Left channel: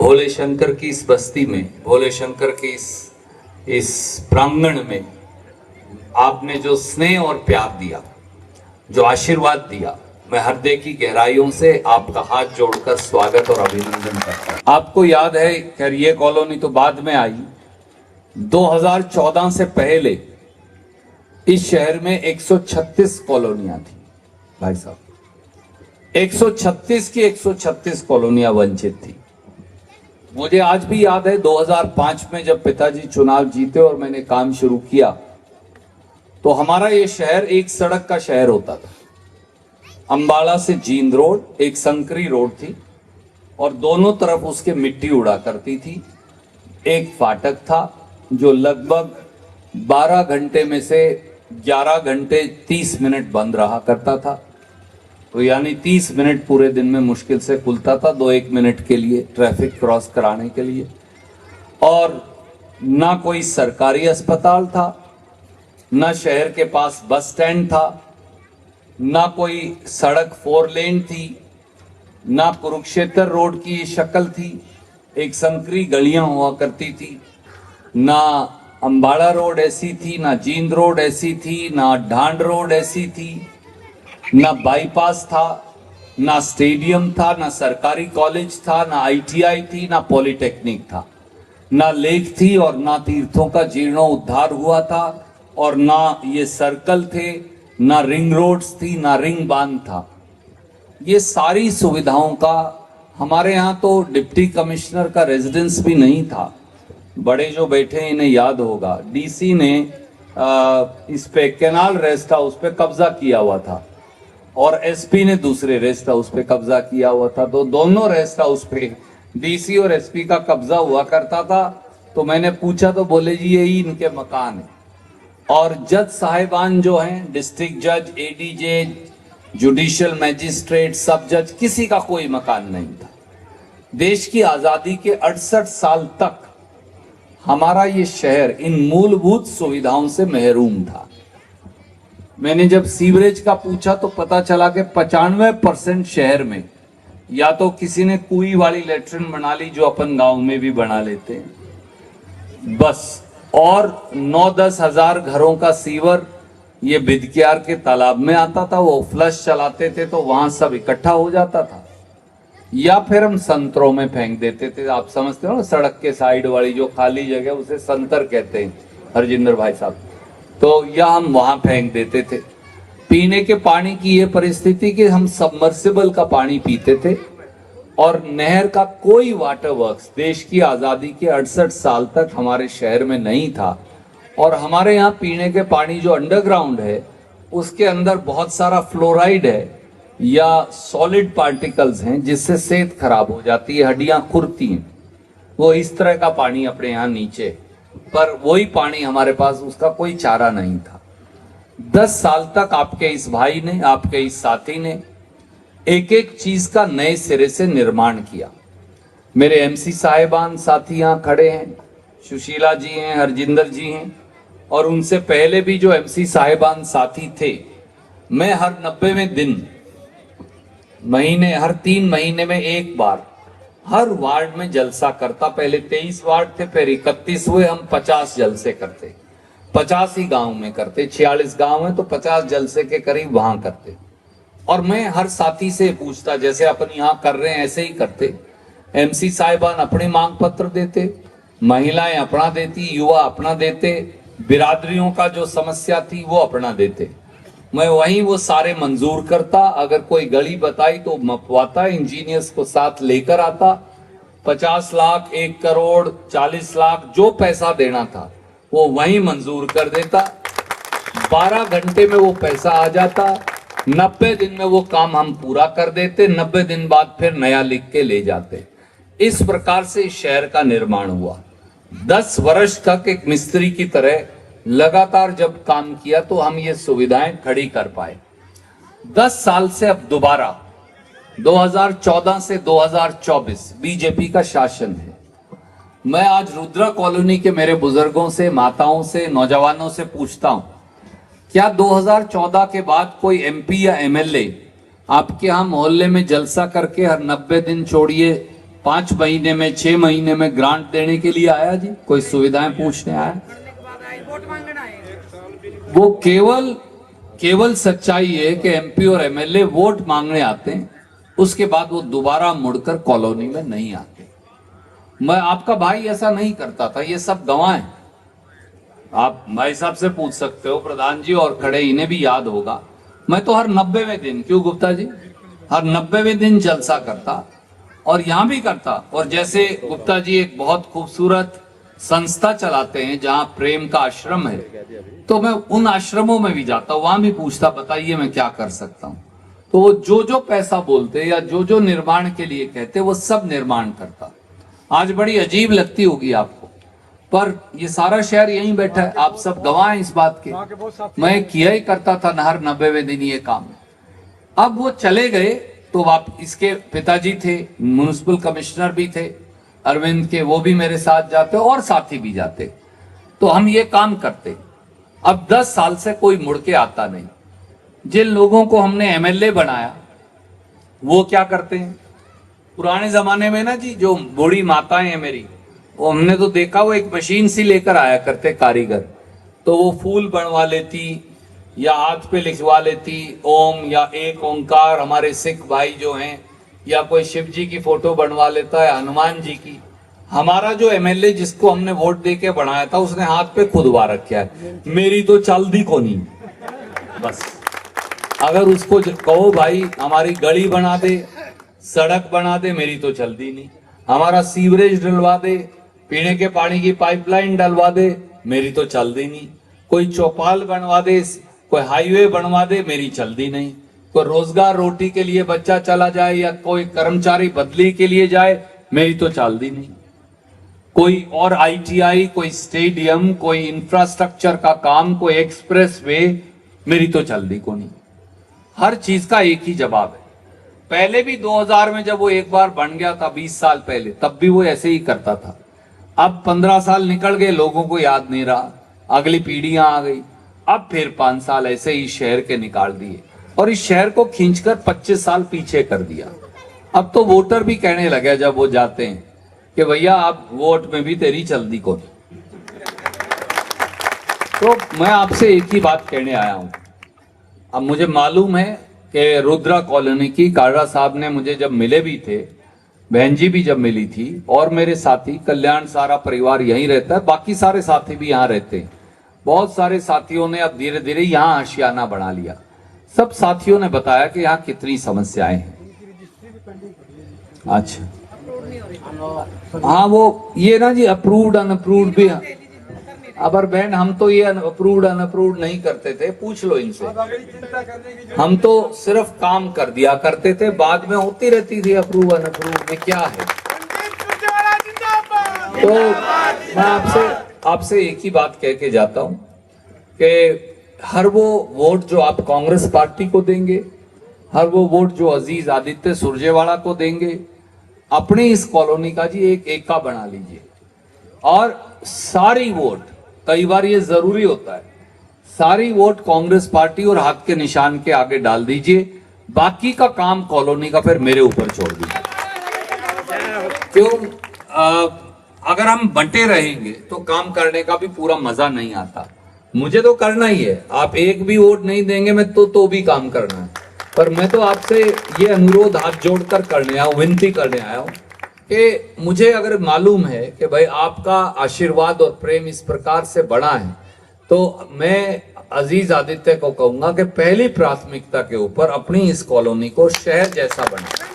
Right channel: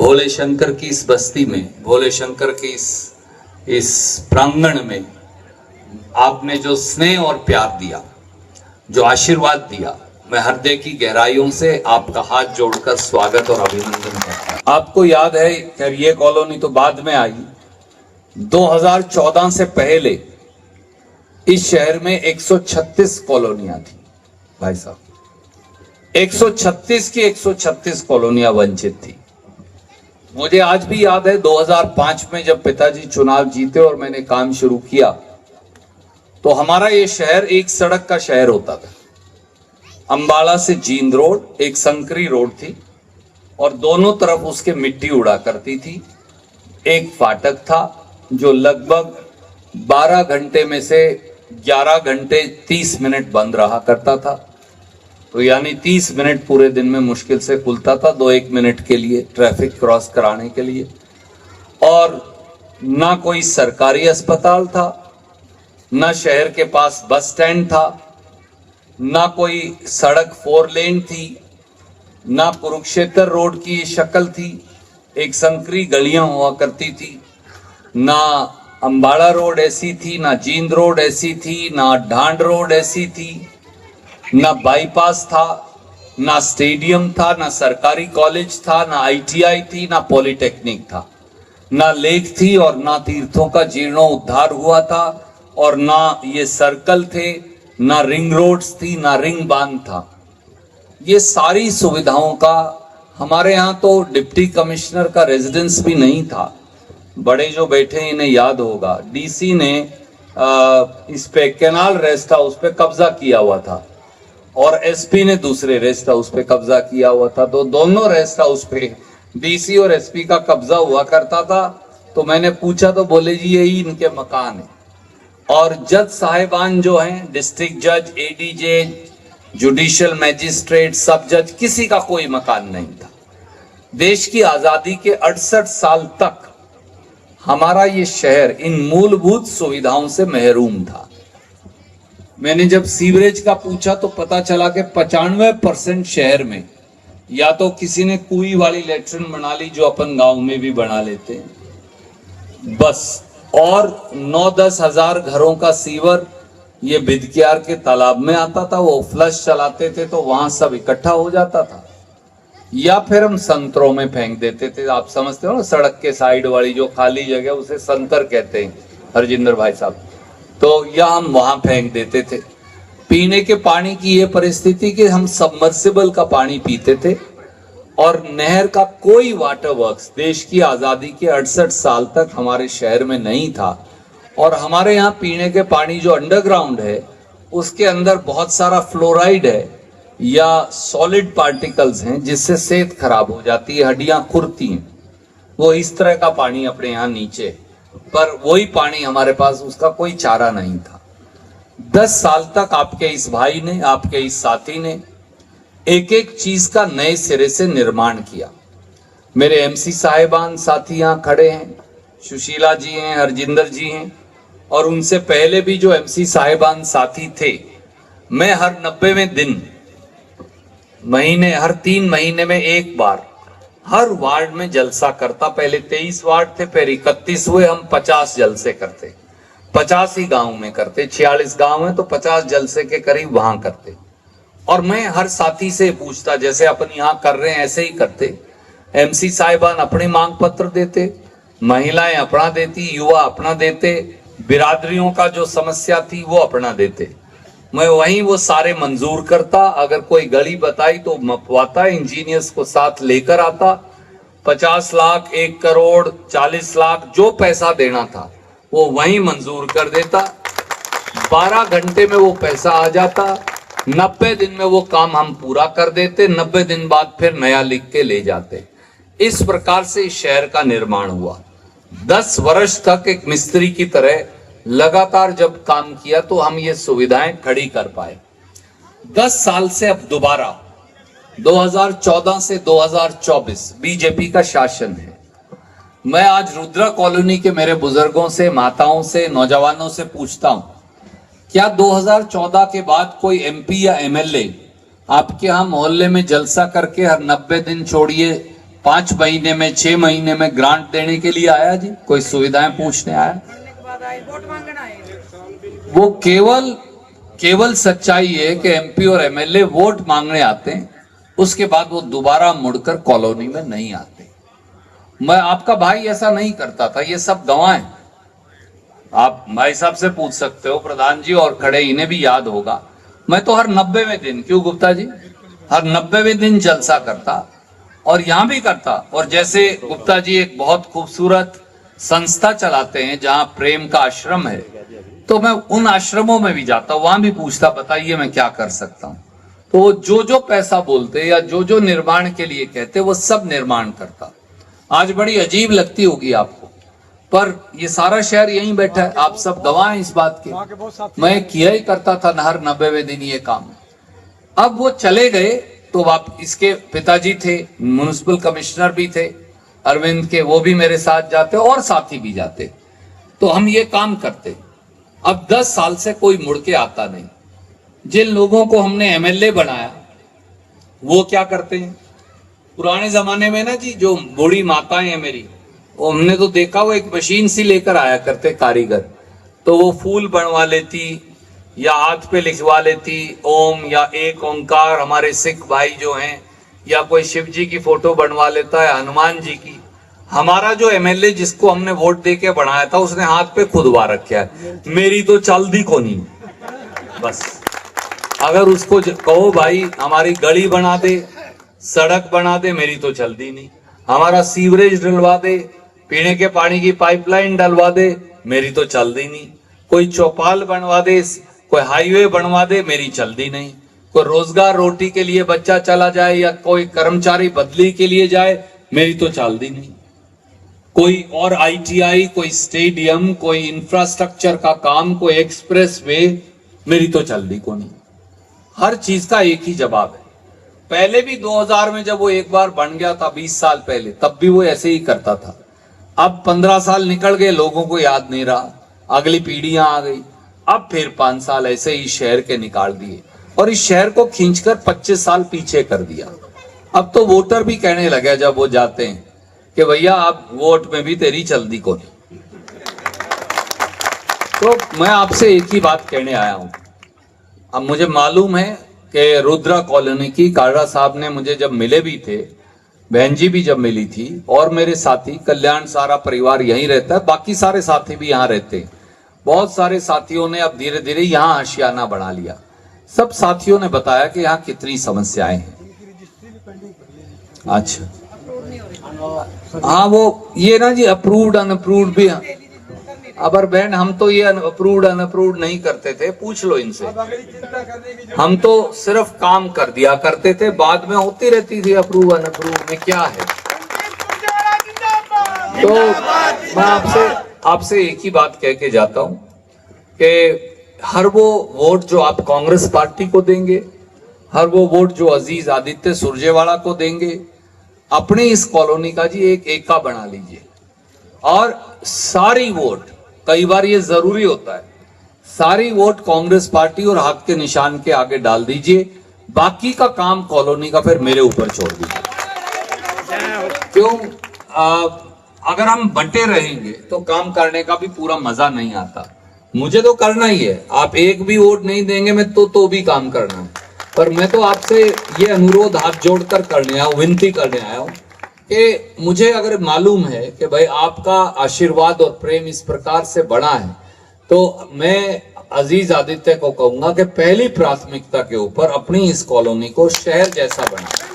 भोले शंकर की इस बस्ती में, भोले शंकर की इस प्रांगण में आपने जो स्नेह और प्यार दिया, जो आशीर्वाद दिया, मैं हृदय की गहराइयों से आपका हाथ जोड़कर स्वागत और अभिनंदन करता हूं। आपको याद है खैर ये कॉलोनी तो बाद में आई, 2014 से पहले इस शहर में 136 कॉलोनियां थी भाई साहब, 136 की 136 कॉलोनियां वंचित थी। मुझे आज भी याद है 2005 में जब पिताजी चुनाव जीते और मैंने काम शुरू किया तो हमारा ये शहर एक सड़क का शहर होता था। अंबाला से जींद रोड एक संकरी रोड थी और दोनों तरफ उसके मिट्टी उड़ा करती थी। एक फाटक था जो लगभग 12 घंटे में से 11 घंटे 30 मिनट बंद रहा करता था, तो यानी 30 मिनट पूरे दिन में मुश्किल से खुलता था, 2-1 मिनट के लिए ट्रैफिक क्रॉस कराने के लिए। और ना कोई सरकारी अस्पताल था, ना शहर के पास बस स्टैंड था, ना कोई सड़क 4 लेन थी, ना कुरुक्षेत्र रोड की शक्ल थी, एक संकरी गलियां हुआ करती थी। ना अंबाड़ा रोड ऐसी थी, ना जींद रोड ऐसी थी, ना ढांड रोड ऐसी थी, ना बाईपास था, ना स्टेडियम था, ना सरकारी कॉलेज था, ना आईटीआई थी, ना पॉलिटेक्निक था, ना लेक थी और ना तीर्थों का जीर्णोद्धार हुआ था, और ना ये सर्कल थे, ना रिंग रोड्स थी, ना रिंग बांध था। ये सारी सुविधाओं का हमारे यहाँ तो डिप्टी कमिश्नर का रेजिडेंस भी नहीं था। बड़े जो बैठे इन्हें याद होगा, डीसी ने इस पे कैनाल रेस्ट हाउस पे कब्जा किया हुआ था और एसपी ने दूसरे रेस्ट हाउस पे कब्जा किया हुआ था। तो दोनों रेस्ट हाउस पे डीसी और एसपी का कब्जा हुआ करता था। तो मैंने पूछा तो बोले जी यही इनके मकान है। और जज साहिबान जो हैं, डिस्ट्रिक्ट जज, एडीजे, जुडिशियल मैजिस्ट्रेट, सब जज, किसी का कोई मकान नहीं था। देश की आजादी के 68 साल तक हमारा ये शहर इन मूलभूत सुविधाओं से महरूम था। मैंने जब सीवरेज का पूछा तो पता चला कि 95% शहर में या तो किसी ने कुई वाली लेट्रिन बना ली, जो अपन गांव में भी बना लेते हैं बस, और 9-10 हजार घरों का सीवर ये बिदकियार के तालाब में आता था। वो फ्लश चलाते थे तो वहां सब इकट्ठा हो जाता था, या फिर हम संतरों में फेंक देते थे। आप समझते हो ना, सड़क के साइड वाली जो खाली जगह उसे संतर कहते हैं हरजिंदर भाई साहब, तो या हम वहां फेंक देते थे। पीने के पानी की ये परिस्थिति कि हम सबमर्सिबल का पानी पीते थे और नहर का कोई वाटर वर्क्स देश की आजादी के 68 साल तक हमारे शहर में नहीं था। और हमारे यहाँ पीने के पानी जो अंडरग्राउंड है उसके अंदर बहुत सारा फ्लोराइड है या सॉलिड पार्टिकल्स हैं, जिससे सेहत खराब हो जाती है, हड्डियां खुरती हैं। वो इस तरह का पानी अपने यहाँ नीचे, पर वही पानी हमारे पास, उसका कोई चारा नहीं था। 10 साल तक आपके इस भाई ने, आपके इस साथी ने एक एक चीज का नए सिरे से निर्माण किया। मेरे एमसी साहिबान साथी यहाँ खड़े हैं, सुशीला जी हैं, हरजिंदर जी हैं, और उनसे पहले भी जो एमसी साहिबान साथी थे। मैं हर 90वें दिन महीने, हर 3 महीने में एक बार हर वार्ड में जलसा करता। पहले 23 वार्ड थे, फिर 31 हुए, हम 50 जलसे करते, 50 ही गांव में करते, 46 गांव है तो 50 जलसे के करीब वहां करते। और मैं हर साथी से पूछता, जैसे अपन यहाँ कर रहे हैं ऐसे ही करते। एमसी साहिबान अपने मांग पत्र देते, महिलाएं अपना देती, युवा अपना देते, बिरादरियों का जो समस्या थी वो अपना देते। मैं वहीं वो सारे मंजूर करता। अगर कोई गली बताई तो मपवाता, इंजीनियर्स को साथ लेकर आता। 50 लाख, 1 करोड़, 40 लाख, जो पैसा देना था वो वहीं मंजूर कर देता। 12 घंटे में वो पैसा आ जाता। 90 दिन में वो काम हम पूरा कर देते। 90 दिन बाद फिर नया लिख के ले जाते। इस प्रकार से इस शहर का निर्माण हुआ। 10 वर्ष तक एक मिस्त्री की तरह लगातार जब काम किया तो हम ये सुविधाएं खड़ी कर पाए। 10 साल से अब दोबारा 2014 से 2024 बीजेपी का शासन है। मैं आज रुद्रा कॉलोनी के मेरे बुजुर्गों से, माताओं से, नौजवानों से पूछता हूं, क्या 2014 के बाद कोई एमपी या एमएलए आपके यहां मोहल्ले में जलसा करके हर 90 दिन छोड़िए 5 महीने में 6 महीने में ग्रांट देने के लिए आया जी, कोई सुविधाएं पूछने आया। वो केवल सच्चाई है कि एमपी और एमएलए वोट मांगने आते हैं, उसके बाद वो दोबारा मुड़कर कॉलोनी में नहीं आते। मैं आपका भाई ऐसा नहीं करता था, ये सब गवाह हैं। आप भाई साहब से पूछ सकते हो, प्रधान जी और खड़े, इन्हें भी याद होगा। मैं तो हर 90वें दिन, क्यों गुप्ता जी, हर 90वें दिन जलसा करता और यहां भी करता। और जैसे गुप्ता जी एक बहुत खूबसूरत संस्था चलाते हैं जहां प्रेम का आश्रम है, तो मैं उन आश्रमों में भी जाता हूं, वहां भी पूछता, बताइए मैं क्या कर सकता हूं। तो वो जो पैसा बोलते या जो निर्माण के लिए कहते, वो सब निर्माण करता। आज बड़ी अजीब लगती होगी आपको, पर ये सारा शहर यहीं बैठा है, आप सब गवाह हैं इस बात के। मैं किया ही करता था हर 90वें दिन ये काम। अब वो चले गए तो आप, इसके पिताजी थे, म्युनिसिपल कमिश्नर भी थे अरविंद के, वो भी मेरे साथ जाते और साथी भी जाते, तो हम ये काम करते। अब 10 साल से कोई मुड़ के आता नहीं। जिन लोगों को हमने एमएलए बनाया वो क्या करते हैं, पुराने जमाने में ना जी, जो बूढ़ी माताएं हैं मेरी, वो हमने तो देखा, वो एक मशीन सी लेकर आया करते कारीगर, तो वो फूल बनवा लेती या हाथ पे लिखवा लेती ओम या एक ओंकार, हमारे सिख भाई जो हैं, या कोई शिव जी की फोटो बनवा लेता है, हनुमान जी की। हमारा जो एमएलए जिसको हमने वोट दे के बनाया था, उसने हाथ पे खुदवा रखा है, मेरी तो चलदी को नहीं। बस अगर उसको कहो भाई हमारी गली बना दे, सड़क बना दे, मेरी तो चलती नहीं। हमारा सीवरेज डलवा दे, पीने के पानी की पाइपलाइन डलवा दे, मेरी तो चलती नहीं। कोई चौपाल बनवा दे, कोई हाईवे बनवा दे, मेरी चलती नहीं। कोई रोजगार रोटी के लिए बच्चा चला जाए या कोई कर्मचारी बदली के लिए जाए, मेरी तो चलती नहीं। कोई और आईटीआई, कोई स्टेडियम, कोई इंफ्रास्ट्रक्चर का काम, कोई एक्सप्रेस वे, मेरी तो चलती को नहीं। हर चीज का एक ही जवाब है। पहले भी 2000 में जब वो एक बार बन गया था, 20 साल पहले, तब भी वो ऐसे ही करता था। अब 15 साल निकल गए, लोगों को याद नहीं रहा, अगली पीढ़ियां आ गई, अब फिर 5 साल ऐसे ही शहर के निकाल दिए और इस शहर को खींचकर 25 साल पीछे कर दिया। अब तो वोटर भी कहने लगे जब वो जाते हैं कि भैया आप वोट में भी तेरी चलती को नहीं। तो मैं आपसे एक ही बात कहने आया हूं। अब मुझे मालूम है कि रुद्रा कॉलोनी की काड़ा साहब ने मुझे जब मिले भी थे, बहन जी भी जब मिली थी, और मेरे साथी कल्याण, सारा परिवार यहीं रहता है, बाकी सारे साथी भी यहाँ रहते हैं। बहुत सारे साथियों ने अब धीरे धीरे यहाँ आशियाना बना लिया। सब साथियों ने बताया कि यहाँ कितनी समस्याएं हैं। अच्छा, हाँ, वो ये ना जी अप्रूव्ड अनअप्रूव्ड भी, अबर बहन हम तो ये अप्रूव्ड अनअप्रूव्ड नहीं करते थे, पूछ लो इनसे। हम तो सिर्फ काम कर दिया करते थे, बाद में होती रहती थी अप्रूव अनअप्रूव में क्या है। तो मैं आपसे एक ही बात कह के जाता हूं कि हर वो वोट जो आप कांग्रेस पार्टी को देंगे, हर वो वोट जो अजीज आदित्य सुरजेवाला को देंगे, अपनी इस कॉलोनी का जी एक एका बना लीजिए और सारी वोट, कई बार ये जरूरी होता है, सारी वोट कांग्रेस पार्टी और हाथ के निशान के आगे डाल दीजिए। बाकी का काम कॉलोनी का फिर मेरे ऊपर छोड़ दीजिए। क्यों? अगर हम बंटे रहेंगे तो काम करने का भी पूरा मजा नहीं आता। मुझे तो करना ही है, आप एक भी वोट नहीं देंगे मैं तो भी काम करना है। पर मैं तो आपसे ये अनुरोध हाथ जोड़कर करने आया हूं, विनती करने आया हूं कि मुझे अगर मालूम है कि भाई आपका आशीर्वाद और प्रेम इस प्रकार से बड़ा है, तो मैं अजीज आदित्य को कहूंगा कि पहली प्राथमिकता के ऊपर अपनी इस कॉलोनी को शहर जैसा बनाए।